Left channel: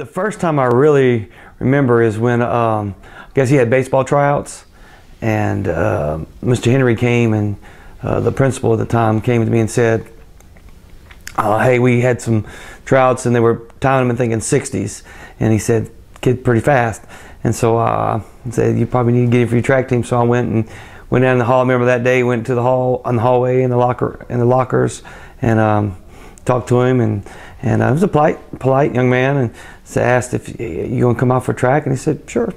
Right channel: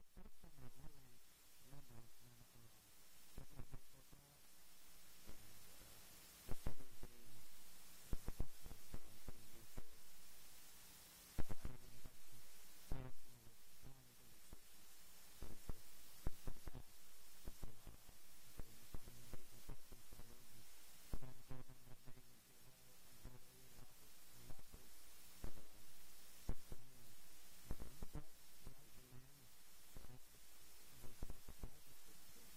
The first time I really remember is when I guess he had baseball tryouts, and Mr. Henry came, and the principal at the time came to me and said, hey, we had some tryouts and they were timing them and thinking 60s, and he said, kid pretty fast. And so I said, you probably need to get in for your track team. So I went down the hall. I remember that day, went to the hall, on the hallway, in the lockers, and talked to him, and he was a polite young man, and asked if you gonna come out for track, and he said, sure.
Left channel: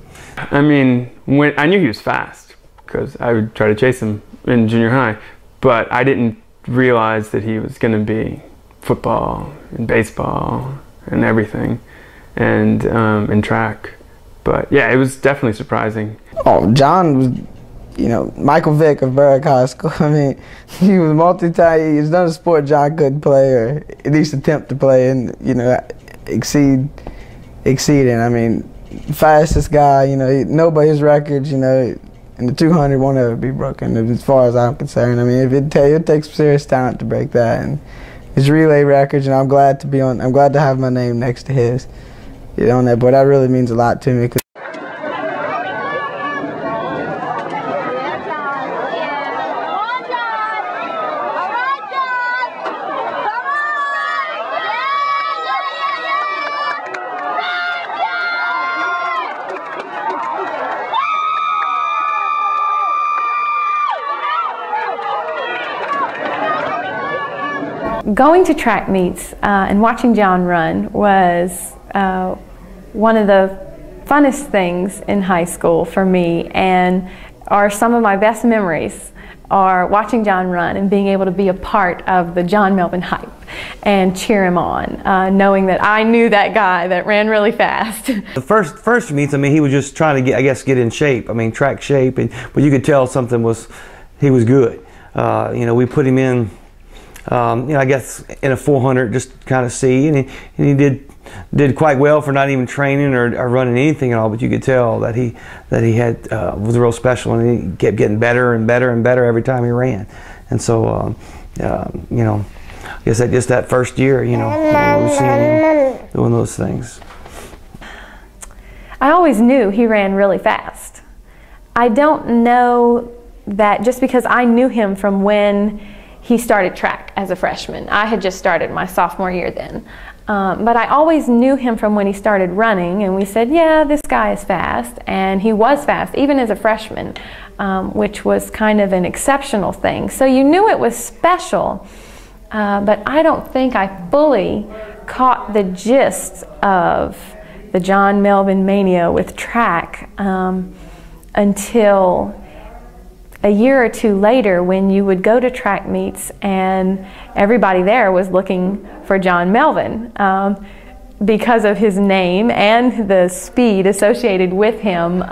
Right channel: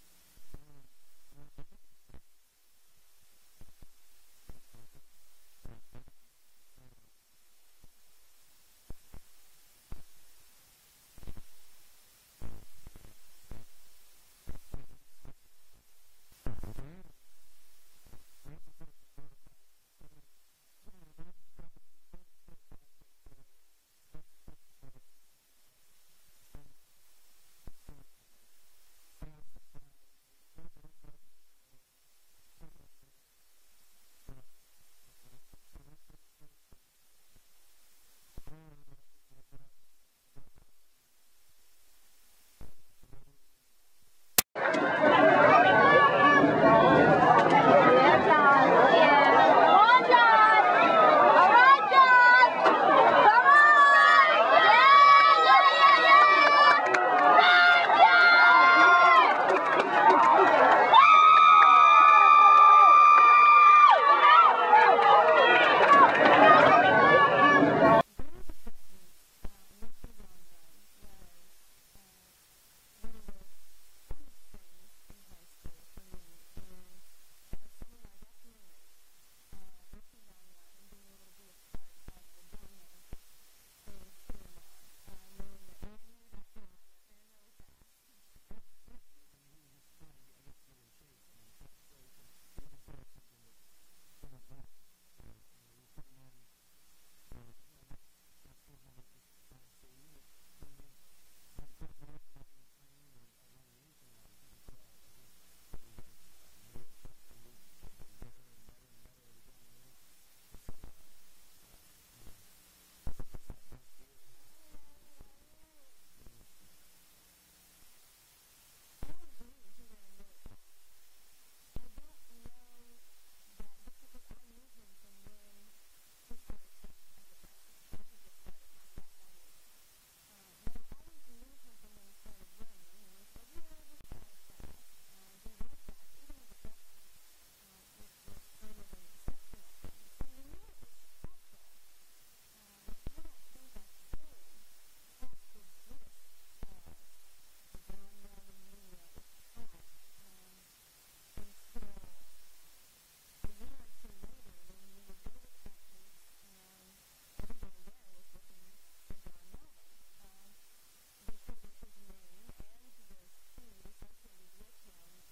I mean, when I knew he was fast, because I would try to chase him in junior high, but I didn't realize that he was gonna be football and baseball and everything, and in track. But yeah, it was definitely surprising. Oh, John was, you know, Michael Vick of Berwick High School. I mean, he was multi-talented. He's done a sport John couldn't play, or at least attempt to play, and, you know, exceeding. I mean, fastest guy, you know, nobody his records, you know, and the 200 won't ever be broken, as far as I'm concerned. I mean, it takes serious talent to break that, and his relay records, and I'm glad to have my name next to his, you know, on that board. That really means a lot to me. Going to track meets and watching John run was one of the funnest things in high school for me, and are some of my best memories are watching John run and being able to be a part of the John Melvin hype and cheer him on, knowing that I knew that guy that ran really fast. The first meets, I mean, he was just trying to get in shape. I mean, track shape, but you could tell he was good. You know, we put him in, you know, I guess in a 400 just to kind of see, and he did quite well for not even training or running anything at all. But you could tell that he was real special, and he kept getting better and better and better every time he ran. And so, you know, I guess just that first year, you know, we were seeing him doing those things. I always knew he ran really fast. I don't know that just because I knew him from when he started track as a freshman. I had just started my sophomore year then. But I always knew him from when he started running, and we said, yeah, this guy is fast, and he was fast, even as a freshman, which was kind of an exceptional thing. So you knew it was special, but I don't think I fully caught the gist of the John Melvin mania with track until a year or two later, when you would go to track meets and everybody there was looking for John Melvin because of his name and the speed associated with him.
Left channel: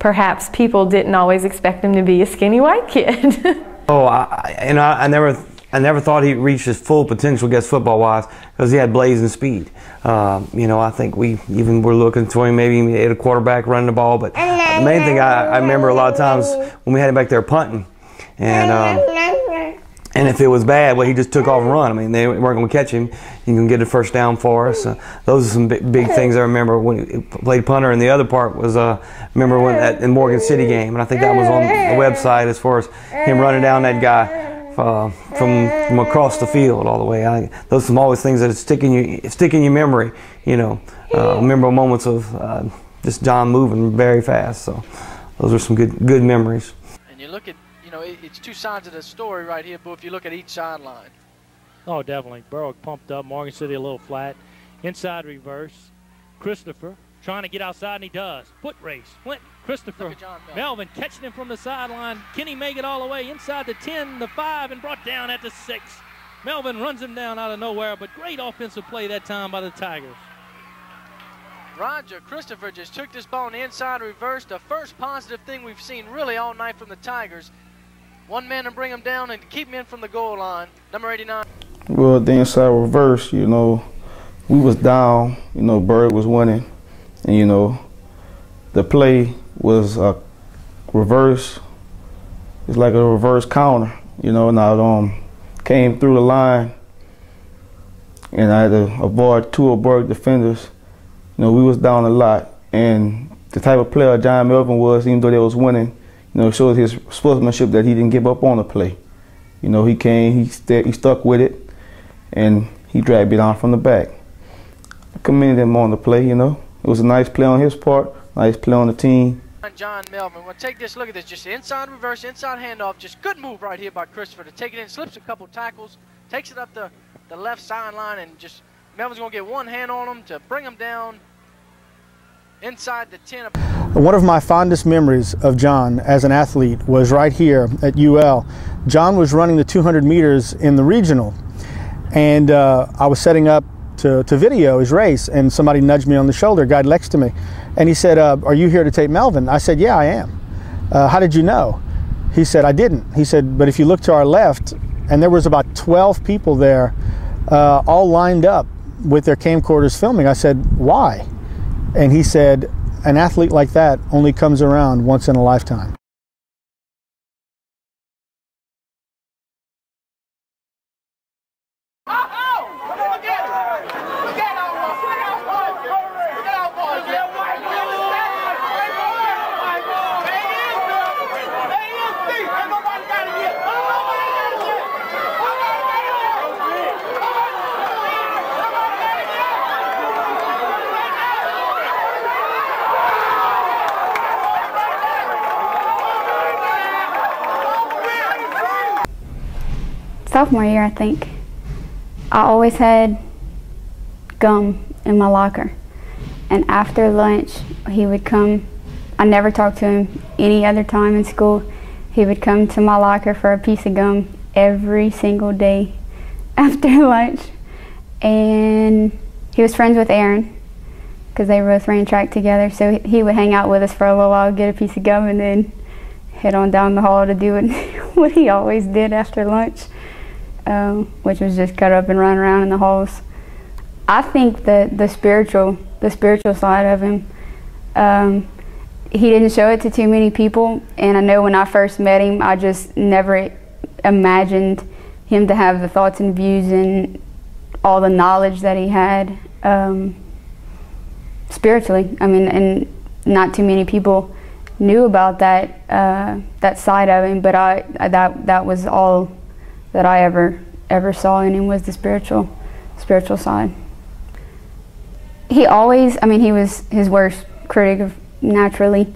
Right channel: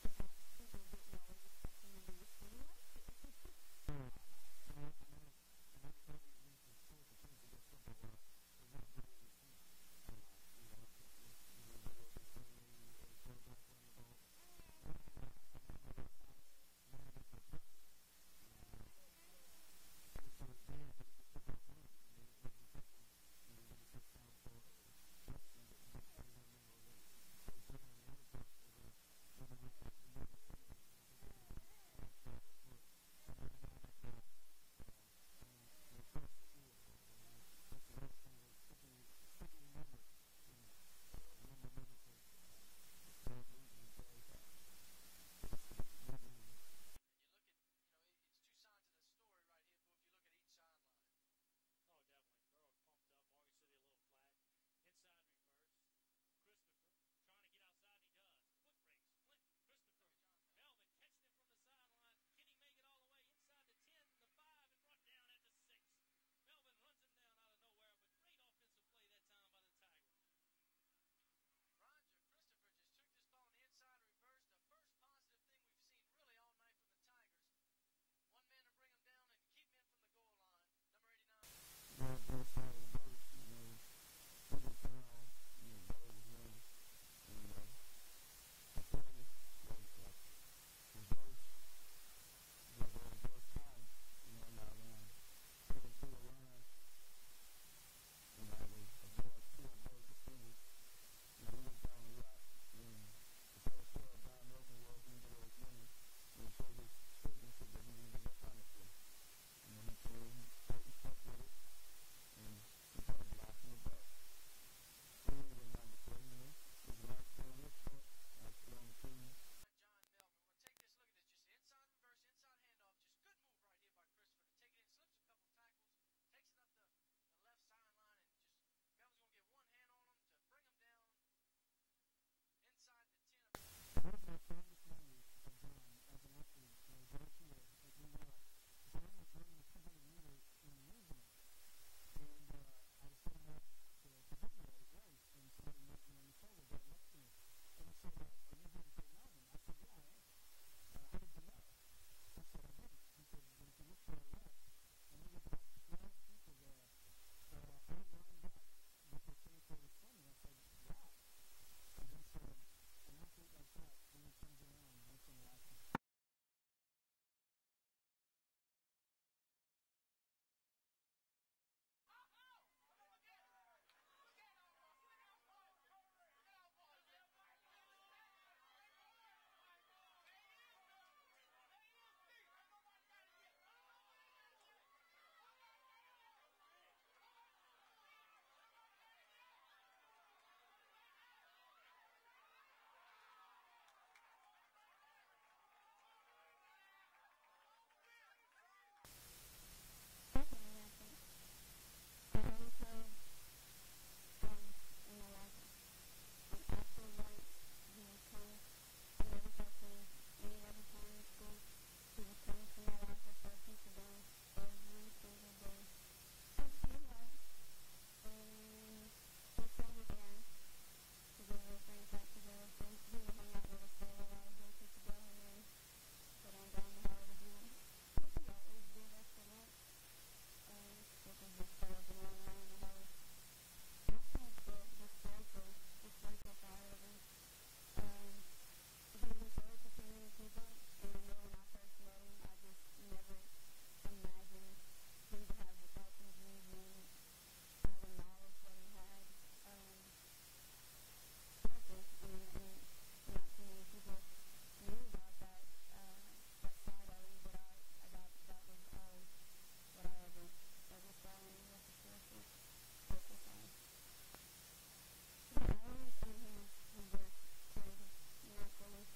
Perhaps people didn't always expect him to be a skinny white kid. Oh, I never thought he reached his full potential, I guess, football-wise, because he had blazing speed. You know, I think we even were looking for him, maybe at a quarterback running the ball. But the main thing I remember a lot of times when we had him back there punting, and if it was bad, well, he just took off and run. I mean, they weren't going to catch him. You can get a first down for us. Those are some big things I remember when he played punter. And the other part was, remember when in Morgan City game, and I think that was on the website as far as him running down that guy from across the field all the way. Those are some always things that stick in your memory. You know, remember moments of just John moving very fast. So those are some good memories. And you look at, you know, it's two sides of the story right here, but if you look at each sideline. Oh, definitely. Berwick pumped up, Morgan City a little flat. Inside reverse. Christopher trying to get outside, and he does. Foot race. Flint, Christopher, Melvin catching him from the sideline. Can he make it all the way inside the 10, the 5, and brought down at the 6? Melvin runs him down out of nowhere, but great offensive play that time by the Tigers. Roger Christopher just took this ball on the inside reverse. The first positive thing we've seen really all night from the Tigers. One man to bring him down and keep him in from the goal line. Number 89. Well, the inside reverse, you know, we was down. You know, Berwick was winning. And, you know, the play was a reverse. It's like a reverse counter, you know, and I came through the line, and I had to avoid two of Berwick defenders You know, we was down a lot, and the type of player John Melvin was, even though they was winning, you know, showed his sportsmanship that he didn't give up on the play. You know, he came, he stuck with it, and he dragged it on from the back. I commended him on the play, you know. It was a nice play on his part, nice play on the team. John Melvin, well, take this, look at this, just inside reverse, inside handoff, just good move right here by Christopher to take it in, slips a couple tackles, takes it up the left sideline, and just Melvin's going to get one hand on him to bring him down inside the 10. One of my fondest memories of John as an athlete was right here at UL. John was running the 200 meters in the regional, and I was setting up to video his race, and somebody nudged me on the shoulder, a guy next to me, and he said, are you here to tape Melvin? I said, yeah, I am. How did you know? He said, I didn't. He said, but if you look to our left, and there was about 12 people there, all lined up with their camcorders filming. I said, why? And he said, an athlete like that only comes around once in a lifetime. Sophomore year, I think, I always had gum in my locker. And after lunch, he would come. I never talked to him any other time in school. He would come to my locker for a piece of gum every single day after lunch. And he was friends with Aaron because they both ran track together. So he would hang out with us for a little while, get a piece of gum, and then head on down the hall to do what he always did after lunch. Which was just cut up and run around in the halls. I think that the spiritual side of him, he didn't show it to too many people, and I know when I first met him, I just never imagined him to have the thoughts and views and all the knowledge that he had spiritually. I mean, and not too many people knew about that that side of him, but that was all that I ever saw in him, was the spiritual side. He always, I mean, he was his worst critic naturally.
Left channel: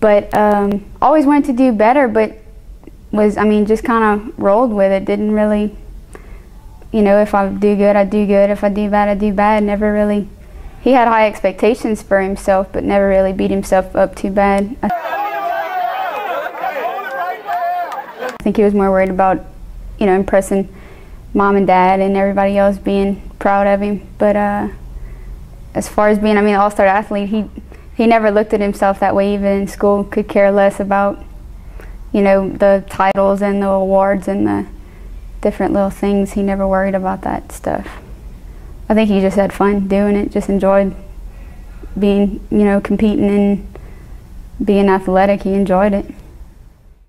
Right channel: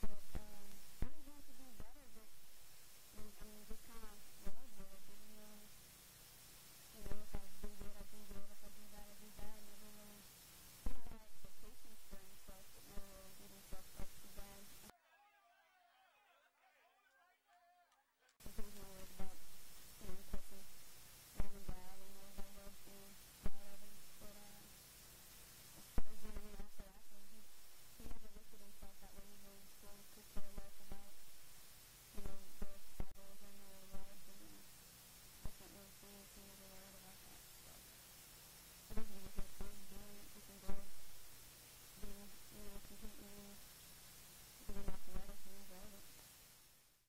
But always wanted to do better, but was, I mean, just kind of rolled with it. Didn't really, you know, if I do good, I do good. If I do bad, I do bad. Never really, he had high expectations for himself, but never really beat himself up too bad. I think he was more worried about, you know, impressing mom and dad and everybody else being proud of him. But as far as being, I mean, an all-star athlete, he never looked at himself that way. Even in school, could care less about, you know, the titles and the awards and the different little things. He never worried about that stuff. I think he just had fun doing it, just enjoyed being, you know, competing and being athletic. He enjoyed it.